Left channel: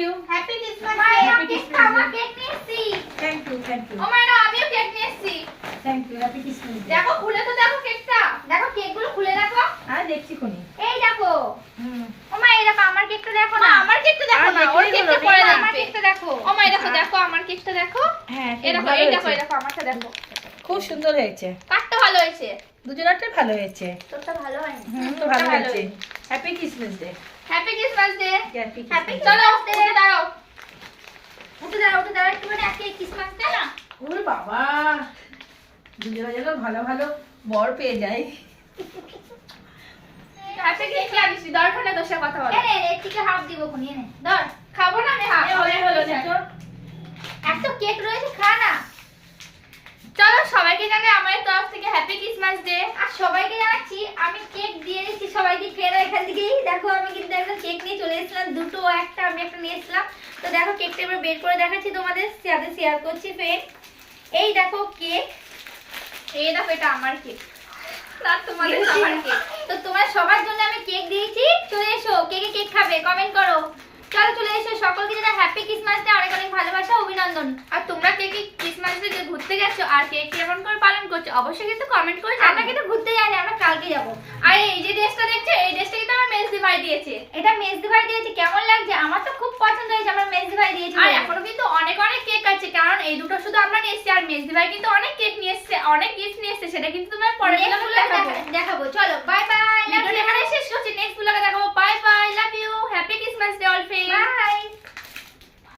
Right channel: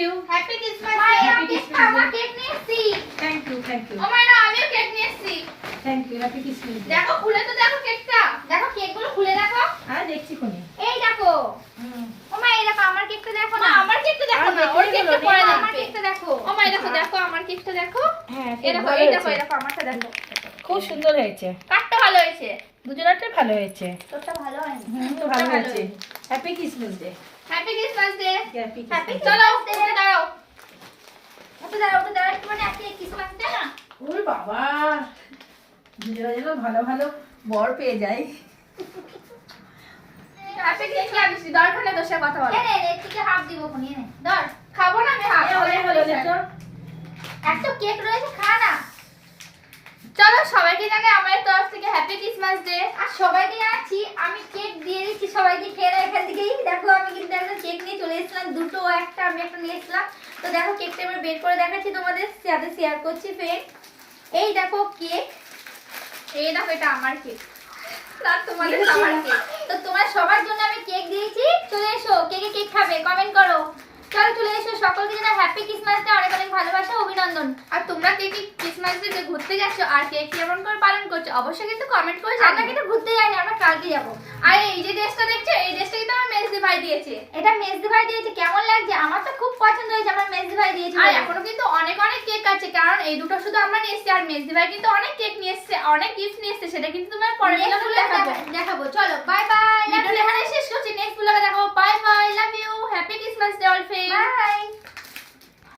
You. Happy Christmas মা, day. Happy Christmas আমার Day. Cake নিয়ে এসেছি। থ্যাংক ইউ, থ্যাংক ইউ, ও মা না আমিও কেক নিয়ে এসেছি। Thank you. Happy Christmas day. দেখো খুলে তো দেখো কেকটা। দেখো কেকগুলো খুলে দেখো। দেখছি কোনে। এই দেখো। ও মা এই দেখো আমার কেকটা দেখো না। আমার কেকটা দেখো না। ওর কেকটা পরে দেখো। আমার কেকটা দেখো। ও মা এই দেখো দেখো আমার কেকটা দেখো। হ্যাঁ, এই দেখো এই দেখো এই দেখো আমারটা দেখো। খুব সুন্দর হয়েছে। কাটটা ভালো হয়েছে। দুজনেরটাই ভালো হয়েছে। তোরটা ভালো হয়নি। তো ভালো হয়েছে। Happy Christmas day. Happy Christmas day. Happy happy Christmas. চলো উঠে দাঁড়াও। উঠে দাঁড়াও একটু মানে আজকে ক্রিসমাস ডে না। ওরে বাবা, দুজনে যেন ভালো ভালো বর পেয়ে যায়। হ্যাপি ক্রিসমাস দিছি দরকার না তোর সাথে কথা বলা। এনে একটিকে হাফ দিব কোনি এনে। ধর খাবো না আমি হাফ। হলো না তো। একটা কেক রয়েছে খা না। চলো সবাইকে জানাই আমার তরফ থেকে হ্যাপি ক্রিসমাস ডে। আর সবাইকে জানাচ্ছি আমি কেক দিয়ে দিচ্ছি সবাইকে খেয়ে এখান থেকেই। দেখো আমি কিন্তু একটা কেক নিয়ে চলে এসেছিলাম, দুটো একটা আমি একটা নিয়ে এসেছিলাম। তো দেখো কেকটা এবার বের করে দেখাচ্ছি তোমাদের সাথে শেয়ার করছি ফ্রেন্ড। এই দেখো কেক, এই দেখো এটা আমার কেক আর তোমাদের সবার কেক। তো তোমার সবার জন্য আমি কেক দিয়েছি, চলে এসো কেকে কেক খাবে কমেন্ট করো। চলো চলে এসো, সকলকে জানাই হ্যাপি ক্রিসমাস ডে, অনেক অনেক ভালোবাসা অভিনন্দন। আর তোমরা কে কি ক্রিসমাস ডে ঘুরতে গেছো আর কে কেমন করে পালন করছো অবশ্যই কিন্তু কমেন্ট করে জানাও। আমরা কিন্তু ঘুরতে যাইনি, আমরা কালকে যাব। আর এই যে ড্রেসটা দেখছো এই ড্রেসটা কিন্তু আমার মেজদি ভাই দিয়েছে। এটা মেজদি ভাই দিয়েছে, কেমন লাগছে? আমার তো খুব পছন্দ হয়েছে, আমার মেজদি ভাই দিয়েছে। আর এখনো কিন্তু অনেক অনেক কেক আছে, কারণ এই দুটো শুধু আমরা নিয়ে এসেছি আর মেজদি ভাই কিন্তু অনেক কেক নিয়ে এসেছে, অনেক গিফট নিয়ে এসেছে। সেটা কিন্তু তোমার পরে ভিডিওতে দেখাবো। চলো বাই বাই। ভিডিওটা এখানে শেষ করছি, নেক্সট ব্লগে দেখাবো। Bye bye, love you, happy Christmas day all friends. By.